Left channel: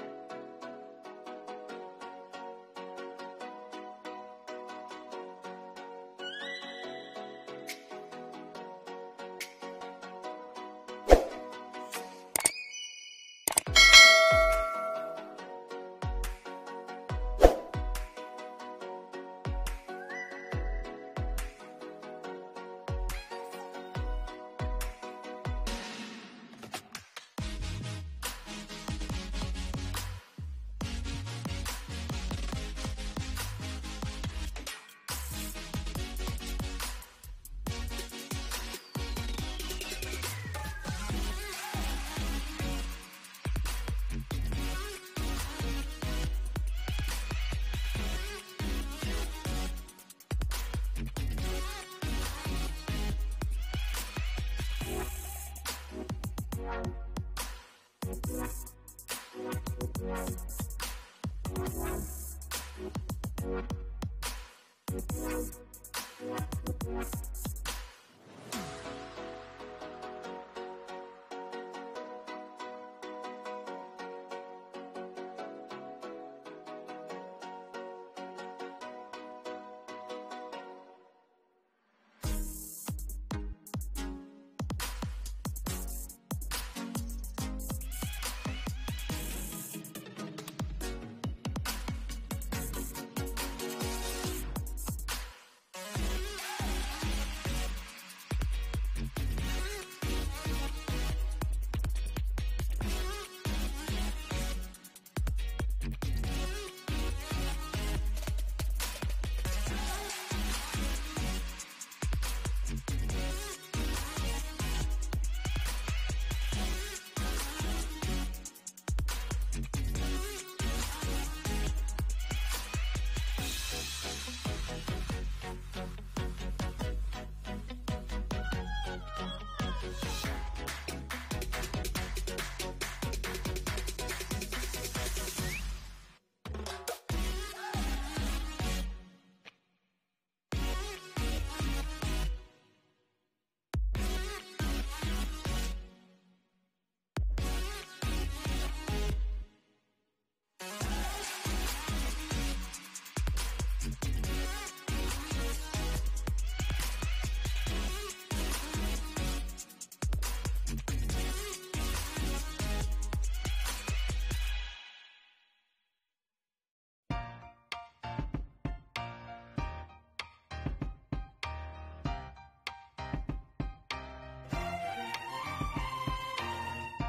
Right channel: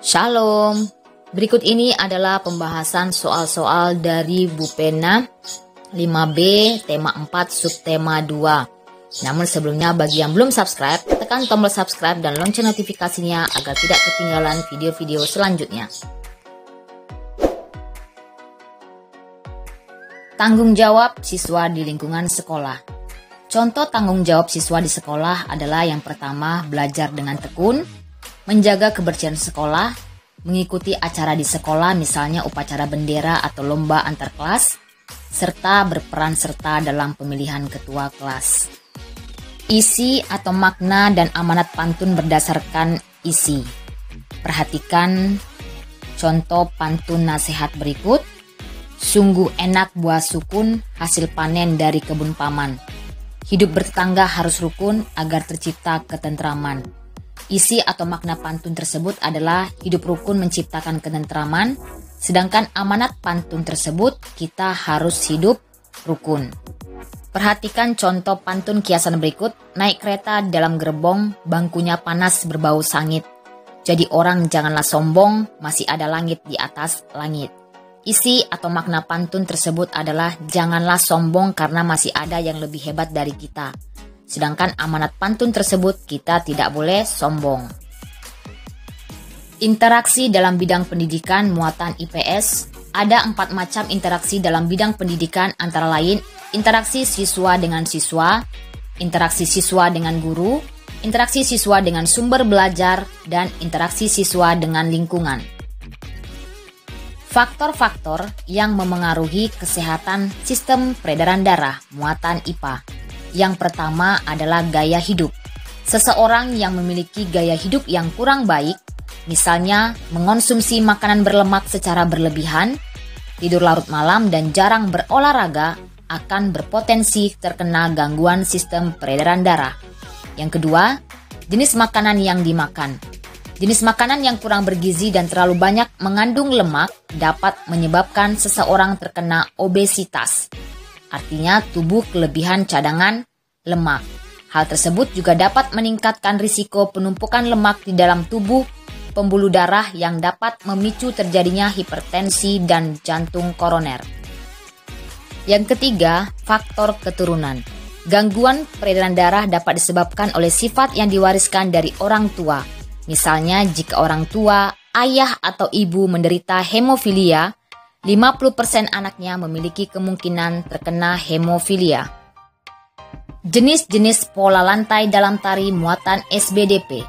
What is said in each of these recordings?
Shalom. Berikut ini adalah pembahasan soal-soal dari Bu Pena 5B tema 4 subtema 2. Namun sebelumnya bagi yang belum subscribe, tekan tombol subscribe dan lonceng notifikasinya agar tidak ketinggalan video-video selanjutnya. Tanggung jawab siswa di lingkungan sekolah. Contoh tanggung jawab siswa di sekolah adalah yang pertama, belajar dengan tekun, menjaga kebersihan sekolah, mengikuti acara di sekolah misalnya upacara bendera atau lomba antar kelas, serta berperan serta dalam pemilihan ketua kelas. Isi atau makna dan amanat pantun berdasarkan isi. Perhatikan contoh pantun nasihat berikut. Sungguh enak buah sukun, hasil panen dari kebun paman. Hidup bertetangga harus rukun agar tercipta ketentraman. Isi atau makna pantun tersebut adalah hidup rukun menciptakan ketentraman, sedangkan amanat pantun tersebut kita harus hidup rukun. Perhatikan contoh pantun kiasan berikut. Naik kereta dalam gerbong, bangkunya panas berbau sangit. Jadi orang janganlah sombong, masih ada langit di atas langit. Isi atau makna pantun tersebut adalah janganlah sombong karena masih ada yang lebih hebat dari kita. Sedangkan amanat pantun tersebut kita tidak boleh sombong. Interaksi dalam bidang pendidikan muatan IPS. Ada 4 macam interaksi dalam bidang pendidikan, antara lain interaksi siswa dengan siswa, interaksi siswa dengan guru, interaksi siswa dengan sumber belajar, dan interaksi siswa dengan lingkungan. Faktor-faktor yang memengaruhi kesehatan sistem peredaran darah muatan IPA. Yang pertama adalah gaya hidup. Seseorang yang memiliki gaya hidup yang kurang baik, misalnya mengonsumsi makanan berlemak secara berlebihan, tidur larut malam dan jarang berolahraga, akan berpotensi terkena gangguan sistem peredaran darah. Yang kedua, jenis makanan yang dimakan. Jenis makanan yang kurang bergizi dan terlalu banyak mengandung lemak dapat menyebabkan seseorang terkena obesitas. Artinya tubuh kelebihan cadangan lemak. Hal tersebut juga dapat meningkatkan risiko penumpukan lemak di dalam tubuh pembuluh darah yang dapat memicu terjadinya hipertensi dan jantung koroner. Yang ketiga, faktor keturunan. Gangguan peredaran darah dapat disebabkan oleh sifat yang diwariskan dari orang tua. Misalnya jika orang tua, ayah atau ibu menderita hemofilia, 50% anaknya memiliki kemungkinan terkena hemofilia. Jenis-jenis pola lantai dalam tari muatan SBDP.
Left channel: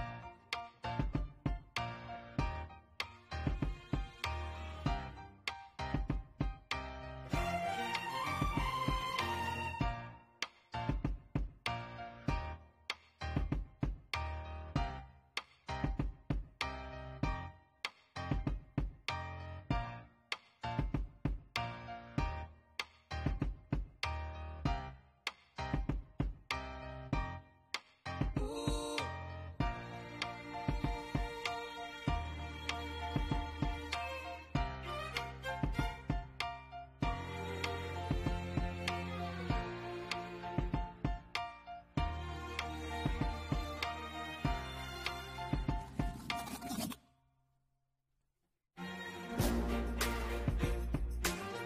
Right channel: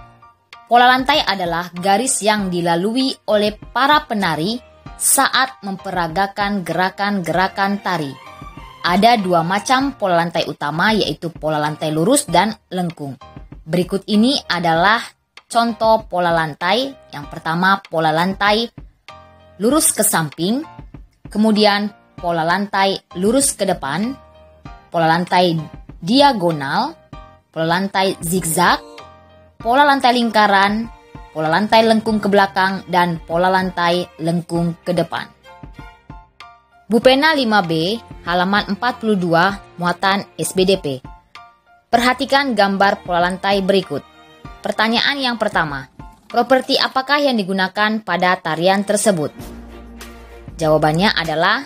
Pola lantai adalah garis yang dilalui oleh para penari saat memperagakan gerakan-gerakan tari. Ada 2 macam pola lantai utama, yaitu pola lantai lurus dan lengkung. Berikut ini adalah contoh pola lantai. Yang pertama, pola lantai lurus ke samping, kemudian pola lantai lurus ke depan, pola lantai diagonal, pola lantai zigzag, pola lantai lingkaran, pola lantai lengkung ke belakang, dan pola lantai lengkung ke depan. Bu Pena 5B, halaman 42, muatan SBDP. Perhatikan gambar pola lantai berikut. Pertanyaan yang pertama, properti apakah yang digunakan pada tarian tersebut? Jawabannya adalah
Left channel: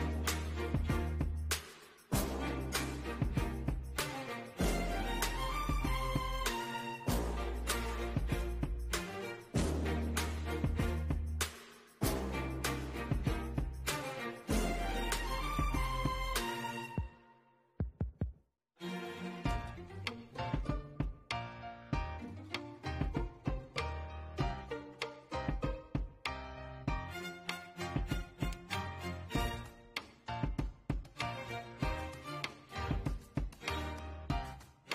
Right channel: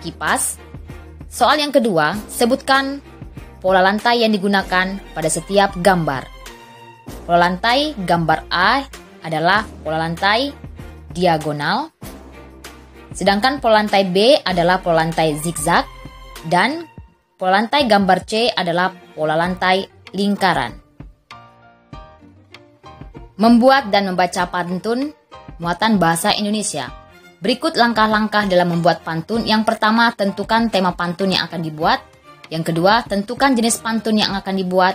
kipas. Soal yang kedua, sebutkan pola lantai yang digunakan pada setiap gambar. Pola lantai gambar A adalah pola lantai diagonal, sedangkan pola lantai B adalah pola lantai zigzag, dan pola lantai gambar C adalah pola lantai lingkaran. Membuat dan membaca pantun muatan bahasa Indonesia. Berikut langkah-langkah dalam membuat pantun. Yang pertama, tentukan tema pantun yang akan dibuat. Yang kedua, tentukan jenis pantun yang akan dibuat.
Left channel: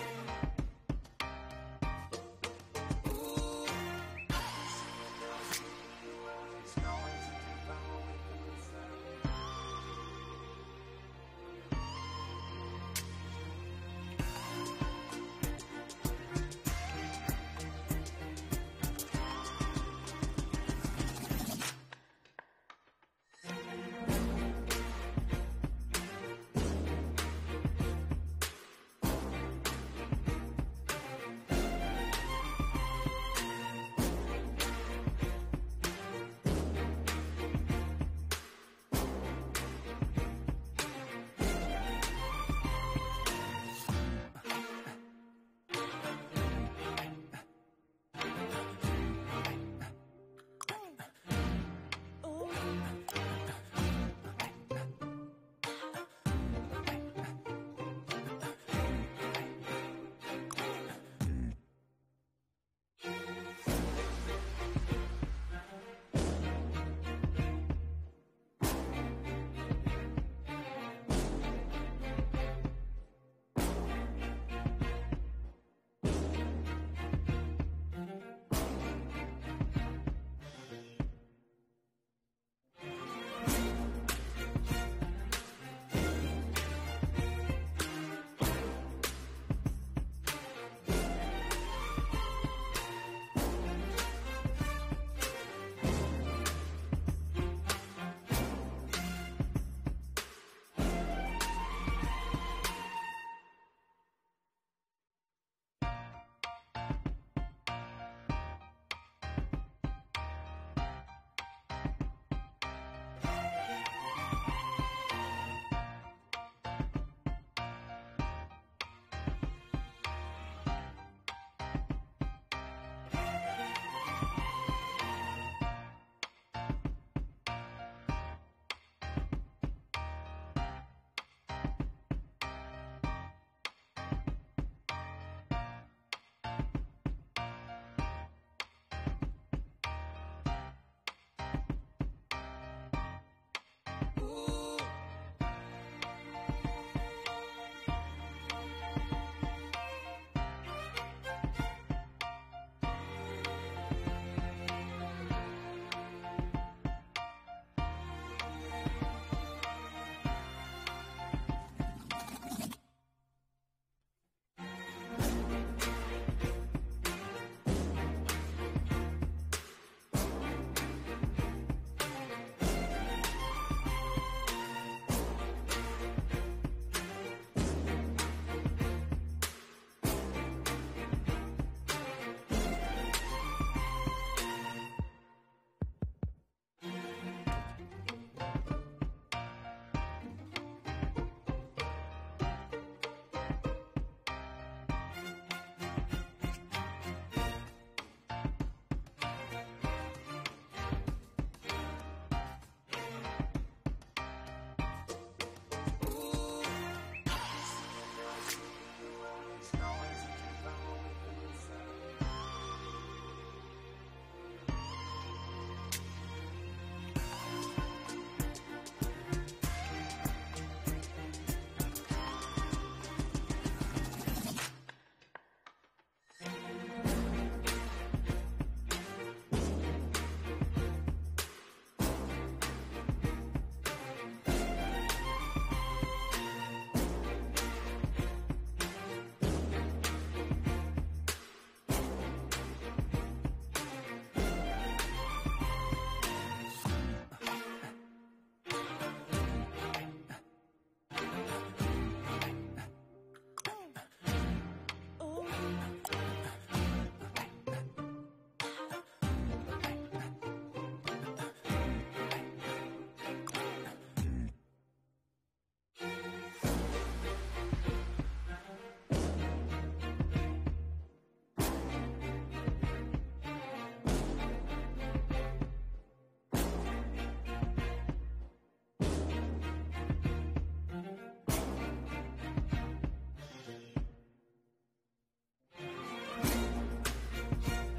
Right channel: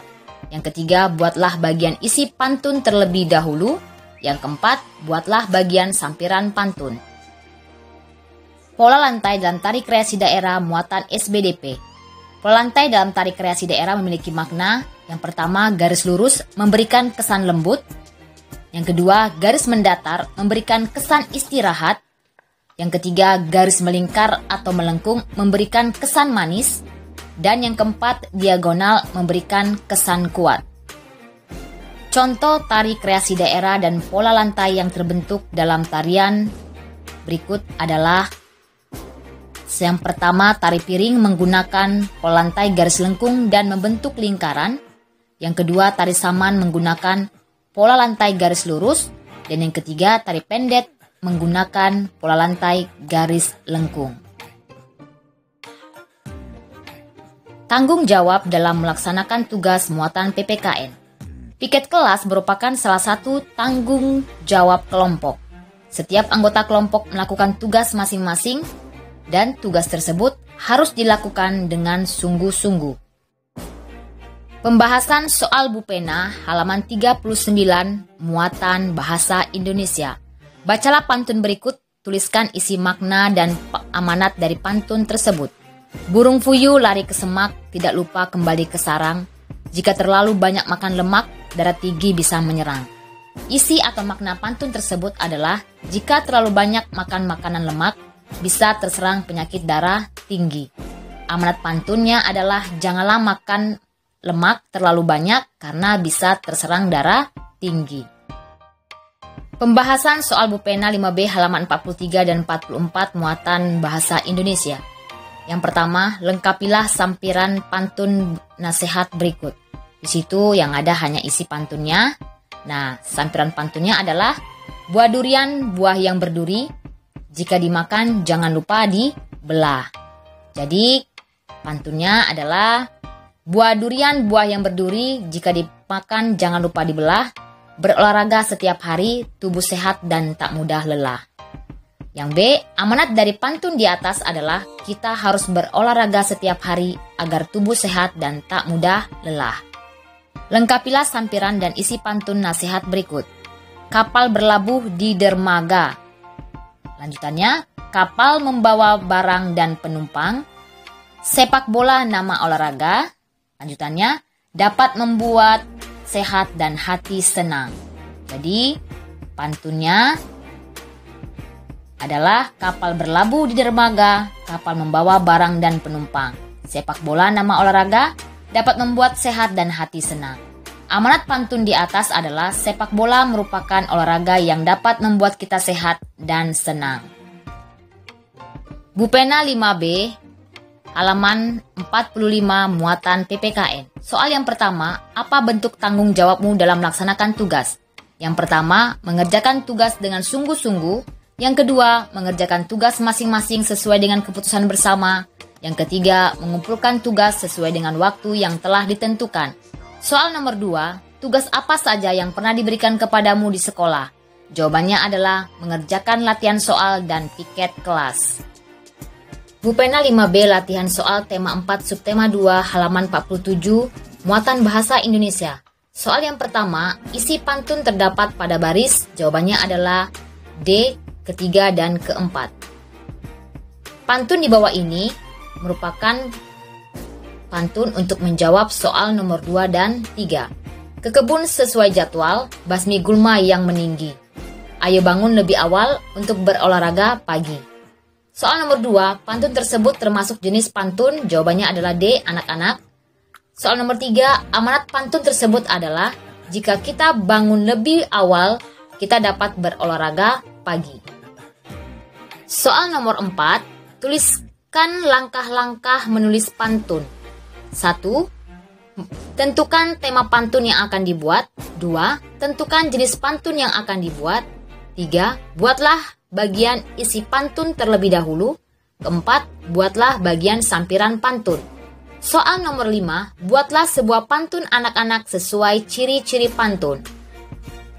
Yang ketiga, buatlah bagian isi pantun terlebih dahulu. Yang keempat, buatlah bagian sampiran pantun. Pola lantai dalam tari kreasi daerah muatan SBDP. Pola lantai dalam tari kreasi daerah memiliki makna. Yang pertama, garis lurus memberikan kesan lembut. Yang kedua, garis mendatar memberikan kesan istirahat. Yang ketiga, garis melingkar atau melengkung memberikan kesan manis. Dan yang keempat, diagonal memberikan kesan kuat. Contoh tari kreasi daerah dan pola lantai yang terbentuk dalam tarian berikut adalah: yang pertama, tari piring menggunakan pola lantai garis lengkung dan membentuk lingkaran. Yang kedua, tari saman menggunakan pola lantai garis lurus. Dan yang ketiga, tari pendet menggunakan pola lantai garis lengkung. Tanggung jawab dalam melaksanakan tugas muatan PPKN. Piket kelas merupakan salah satu tanggung jawab kelompok. Setiap anggota kelompok melakukan tugas masing-masing dan tugas tersebut harus dilakukan dengan sungguh-sungguh. Pembahasan soal Bupena halaman 39 muatan bahasa Indonesia. Bacalah pantun berikut, tuliskan isi makna dan amanat dari pantun tersebut. Burung puyuh lari ke semak, tidak lupa kembali ke sarang. Jika terlalu banyak makan lemak, darah tinggi bisa menyerang. Isi atau makna pantun tersebut adalah: jika terlalu banyak makan makanan lemak, bisa terserang penyakit darah tinggi. Amanat pantunnya adalah: janganlah makan lemak terlalu banyak karena bisa terserang darah tinggi. Pembahasan soal Bupena 5B halaman 43 dan 44 muatan bahasa Indonesia. Yang pertama, lengkapilah sampiran pantun nasihat berikut. Di situ yang ada hanya isi pantunnya. Nah, sampiran pantunnya adalah: buah durian, buah yang berduri, jika dimakan jangan lupa dibelah. Jadi pantunnya adalah: buah durian, buah yang berduri, jika dimakan jangan lupa dibelah. Berolahraga setiap hari, tubuh sehat dan tak mudah lelah. Yang B, amanat dari pantun di atas adalah: kita harus berolahraga setiap hari agar tubuh sehat dan tak mudah lelah. Lengkapilah sampiran dan isi pantun nasihat berikut. Kapal berlabuh di dermaga. Lanjutannya, kapal membawa barang dan penumpang. Sepak bola nama olahraga. Lanjutannya, dapat membuat sehat dan hati senang. Jadi, pantunnya adalah: kapal berlabuh di dermaga, kapal membawa barang dan penumpang. Sepak bola nama olahraga, dapat membuat sehat dan hati senang. Amanat pantun di atas adalah: sepak bola merupakan olahraga yang dapat membuat kita sehat dan senang. Bupena 5B halaman 45 muatan PPKN. Soal yang pertama, apa bentuk tanggung jawabmu dalam melaksanakan tugas? Yang pertama, mengerjakan tugas dengan sungguh-sungguh. Yang kedua, mengerjakan tugas masing-masing sesuai dengan keputusan bersama. Yang ketiga, mengumpulkan tugas sesuai dengan waktu yang telah ditentukan. Soal nomor 2, tugas apa saja yang pernah diberikan kepadamu di sekolah? Jawabannya adalah mengerjakan latihan soal dan piket kelas. Bupena 5B latihan soal tema 4 subtema 2 halaman 47 muatan bahasa Indonesia. Soal yang pertama, isi pantun terdapat pada baris. Jawabannya adalah D, ketiga dan keempat. Pantun di bawah ini merupakan pantun untuk menjawab soal nomor 2 dan 3. Ke kebun sesuai jadwal, basmi gulma yang meninggi. Ayo bangun lebih awal untuk berolahraga pagi. Soal nomor 2, pantun tersebut termasuk jenis pantun. Jawabannya adalah D, anak-anak. Soal nomor 3, amanat pantun tersebut adalah: jika kita bangun lebih awal, kita dapat berolahraga pagi. Soal nomor 4, tuliskan langkah-langkah menulis pantun. 1. Tentukan tema pantun yang akan dibuat. 2. Tentukan jenis pantun yang akan dibuat. 3. Buatlah bagian isi pantun terlebih dahulu. 4. Buatlah bagian sampiran pantun. Soal nomor 5, buatlah sebuah pantun anak-anak sesuai ciri-ciri pantun.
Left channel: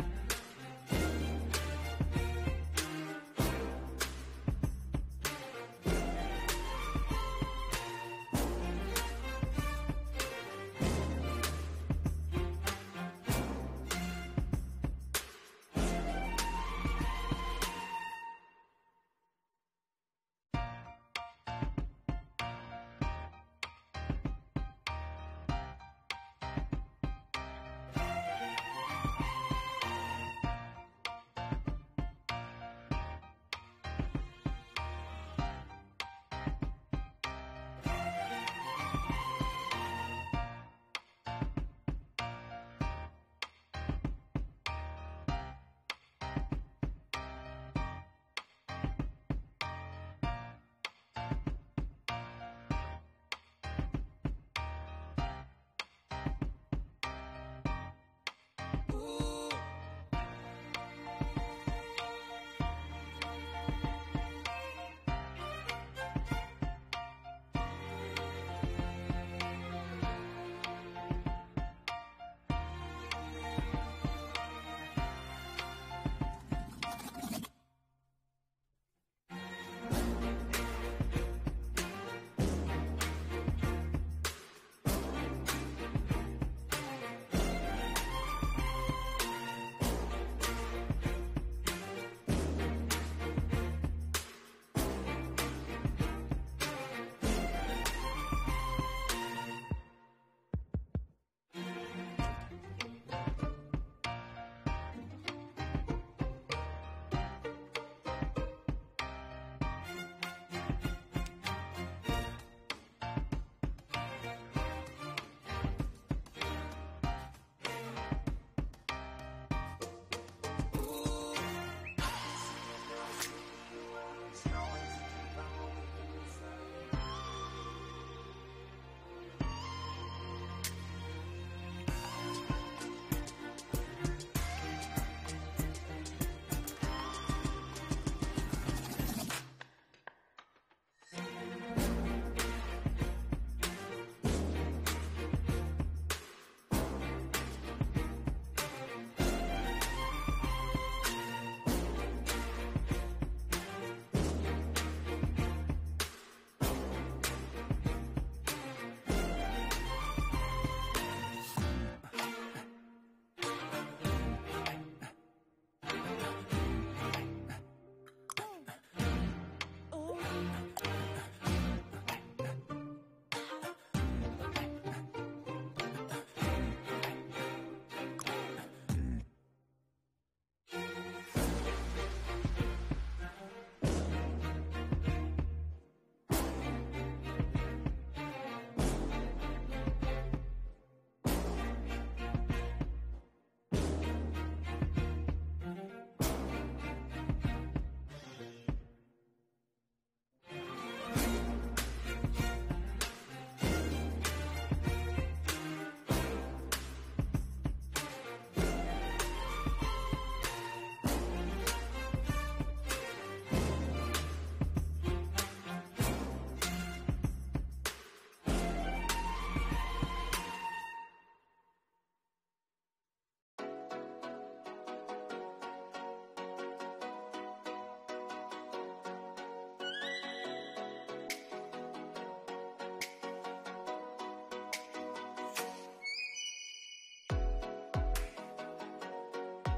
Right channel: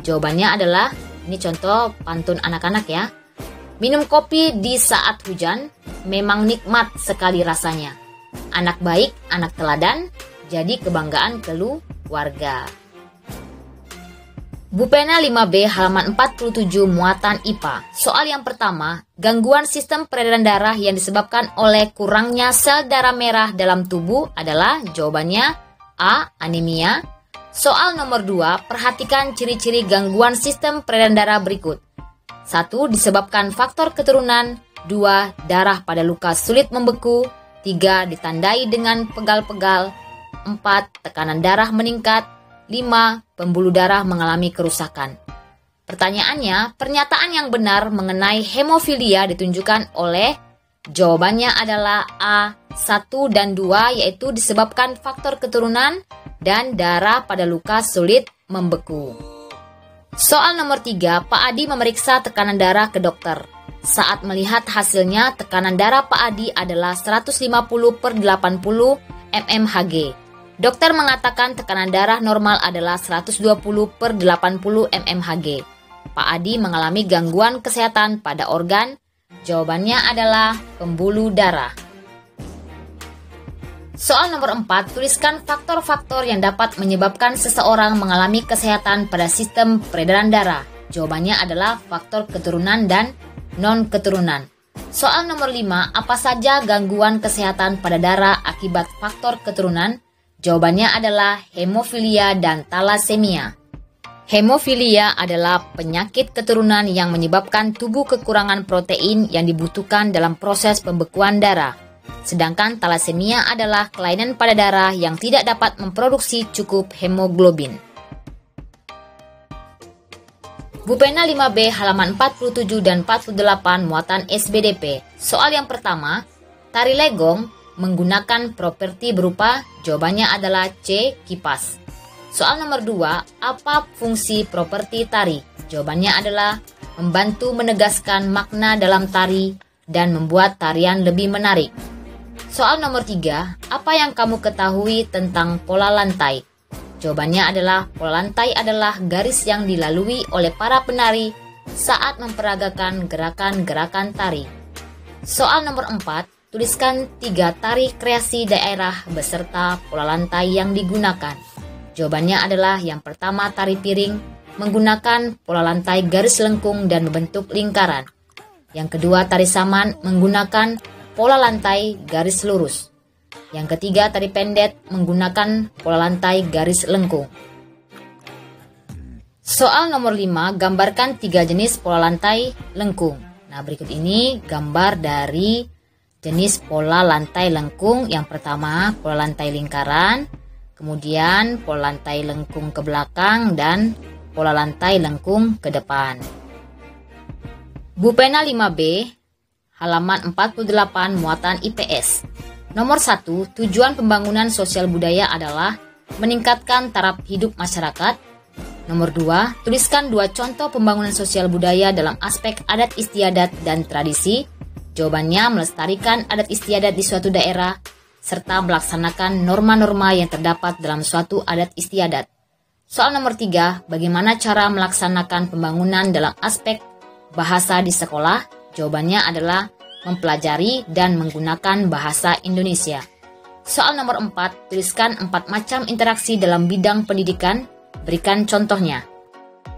Jawabannya adalah, ini contoh pantun anak-anak ya. Minum kopi di saat hujan, memang nikmat sekali rasanya. Anak baik, anak teladan, jadi kebanggaan keluarga. Bupena 5B halaman 47 muatan IPA. Soal yang pertama, gangguan sistem peredaran darah yang disebabkan oleh kurangnya sel darah merah dalam tubuh adalah, jawabannya A, anemia. Soal nomor 2, perhatikan ciri-ciri gangguan sistem peredaran darah berikut. 1. Disebabkan faktor keturunan. 2. Darah pada luka sulit membeku. 3. Ditandai dengan pegal-pegal. 4. Tekanan darah meningkat. 5. Pembuluh darah mengalami kerusakan. Pertanyaannya, pernyataan yang benar mengenai hemofilia ditunjukkan oleh jawabannya adalah A. 1 dan 2, yaitu disebabkan faktor keturunan dan darah pada luka sulit membeku. Soal nomor 3, Pak Adi memeriksa tekanan darah ke dokter. Saat melihat hasilnya, tekanan darah Pak Adi adalah 150/80 mmHg. Dokter mengatakan tekanan darah normal adalah 120/80 mmHg. Pak Adi mengalami gangguan kesehatan pada organ. Jawabannya adalah pembuluh darah. Soal nomor 4, tuliskan faktor-faktor yang dapat menyebabkan seseorang mengalami kesehatan pada sistem peredaran darah. Jawabannya adalah faktor keturunan dan non-keturunan. Soal nomor 5, apa saja gangguan kesehatan pada darah akibat faktor keturunan? Jawabannya adalah hemofilia dan talasemia. Hemofilia adalah penyakit keturunan yang menyebabkan tubuh kekurangan protein yang dibutuhkan dalam proses pembekuan darah. Sedangkan talasemia adalah kelainan pada darah yang tidak dapat memproduksi cukup hemoglobin. Bupena 5B halaman 47 dan 48 muatan SBDP. Soal yang pertama, tari legong menggunakan properti berupa, jawabannya adalah C. Kipas. Soal nomor 2, apa fungsi properti tari? Jawabannya adalah membantu menegaskan makna dalam tari dan membuat tarian lebih menarik. Soal nomor 3, apa yang kamu ketahui tentang pola lantai? Jawabannya adalah pola lantai adalah garis yang dilalui oleh para penari saat memperagakan gerakan-gerakan tari. Soal nomor 4, tuliskan 3 tari kreasi daerah beserta pola lantai yang digunakan. Jawabannya adalah yang pertama tari piring menggunakan pola lantai garis lengkung dan membentuk lingkaran. Yang kedua tari saman menggunakan pola lantai garis lurus. Yang ketiga tari pendet menggunakan pola lantai garis lengkung. Soal nomor 5, gambarkan 3 jenis pola lantai lengkung. Nah, berikut ini gambar dari jenis pola lantai lengkung. Yang pertama, pola lantai lingkaran, kemudian pola lantai lengkung ke belakang, dan pola lantai lengkung ke depan. Bupena 5B, halaman 48, muatan IPS. Nomor 1, tujuan pembangunan sosial budaya adalah meningkatkan taraf hidup masyarakat. Nomor 2, tuliskan 2 contoh pembangunan sosial budaya dalam aspek adat istiadat dan tradisi. Jawabannya melestarikan adat istiadat di suatu daerah, serta melaksanakan norma-norma yang terdapat dalam suatu adat istiadat. Soal nomor 3, bagaimana cara melaksanakan pembangunan dalam aspek bahasa di sekolah? Jawabannya adalah mempelajari dan menggunakan bahasa Indonesia. Soal nomor 4, tuliskan 4 macam interaksi dalam bidang pendidikan. Berikan contohnya.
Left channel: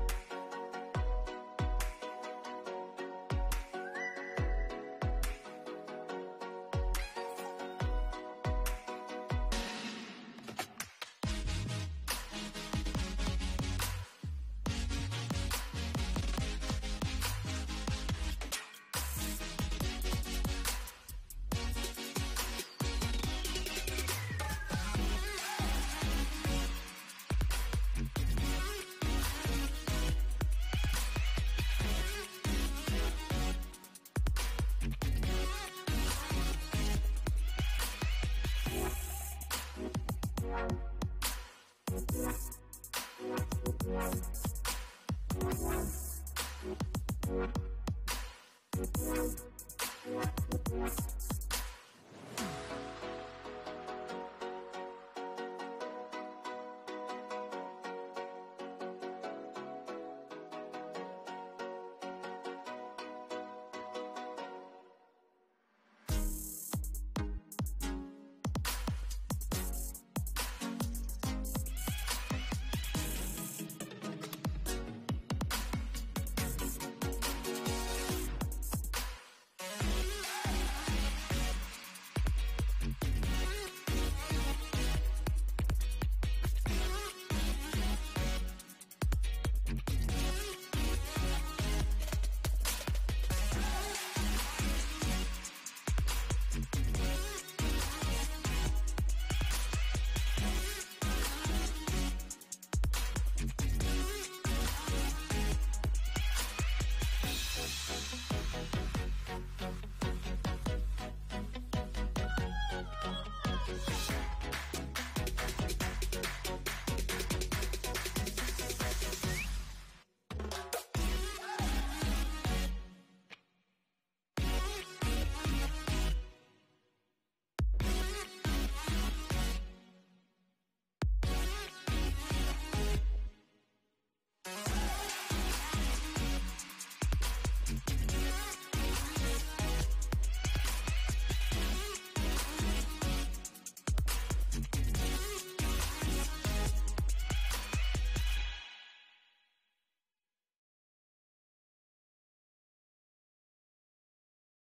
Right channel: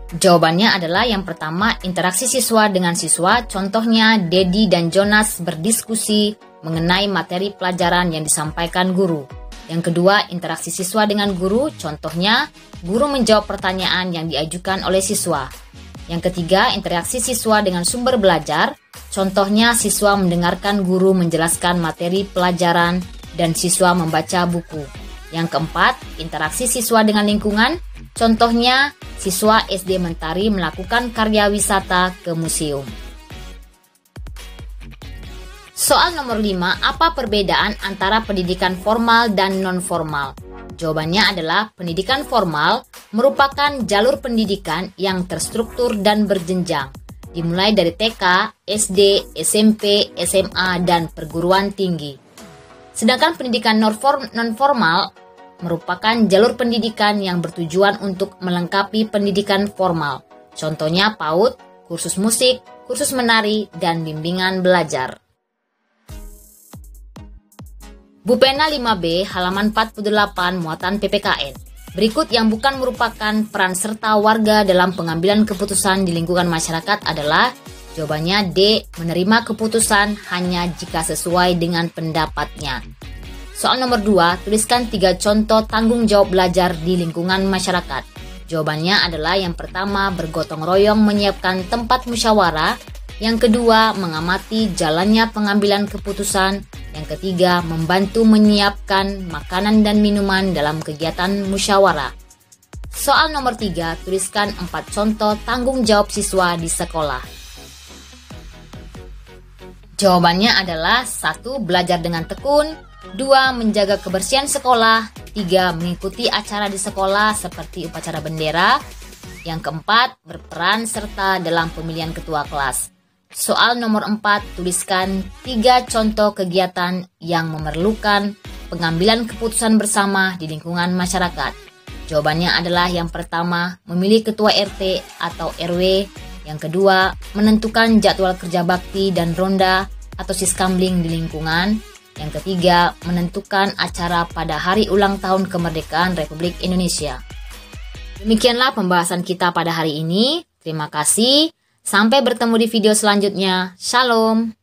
Jawabannya adalah yang pertama, interaksi siswa dengan siswa. Contohnya, Dedi dan Jonas berdiskusi mengenai materi pelajaran yang disampaikan guru. Yang kedua, interaksi siswa dengan guru. Contohnya, guru menjawab pertanyaan yang diajukan oleh siswa. Yang ketiga, interaksi siswa dengan sumber belajar. Contohnya, siswa mendengarkan guru menjelaskan materi pelajaran dan siswa membaca buku. Yang keempat, interaksi siswa dengan lingkungan. Contohnya, siswa SD Mentari melakukan karya wisata ke museum. Soal nomor 5, apa perbedaan antara pendidikan formal dan non-formal? Jawabannya adalah pendidikan formal merupakan jalur pendidikan yang terstruktur dan berjenjang, dimulai dari TK, SD, SMP, SMA, dan perguruan tinggi. Sedangkan pendidikan non-formal merupakan jalur pendidikan yang bertujuan untuk melengkapi pendidikan formal. Contohnya PAUD, kursus musik, kursus menari, dan bimbingan belajar. Bupena 5B, halaman 48, muatan PPKN. Berikut yang bukan merupakan peran serta warga dalam pengambilan keputusan di lingkungan masyarakat adalah, jawabannya D, menerima keputusan hanya jika sesuai dengan pendapatnya. Soal nomor 2, tuliskan 3 contoh tanggung jawab belajar di lingkungan masyarakat. Jawabannya adalah yang pertama, bergotong royong menyiapkan tempat musyawarah. Yang kedua, mengamati jalannya pengambilan keputusan. Yang ketiga, membantu menyiapkan makanan dan minuman dalam kegiatan musyawarah. Soal nomor 3, tuliskan 4 contoh tanggung jawab siswa di sekolah. Jawabannya adalah 1. Belajar dengan tekun, 2. Menjaga kebersihan sekolah, 3. Mengikuti acara di sekolah seperti upacara bendera, yang keempat, berperan serta dalam pemilihan ketua kelas. Soal nomor 4, tuliskan 3 contoh kegiatan yang memerlukan pengambilan keputusan bersama di lingkungan masyarakat. Jawabannya adalah yang pertama, memilih ketua RT atau RW. Yang kedua, menentukan jadwal kerja bakti dan ronda atau siskamling di lingkungan. Yang ketiga, menentukan acara pada hari ulang tahun kemerdekaan Republik Indonesia. Demikianlah pembahasan kita pada hari ini. Terima kasih. Sampai bertemu di video selanjutnya. Shalom.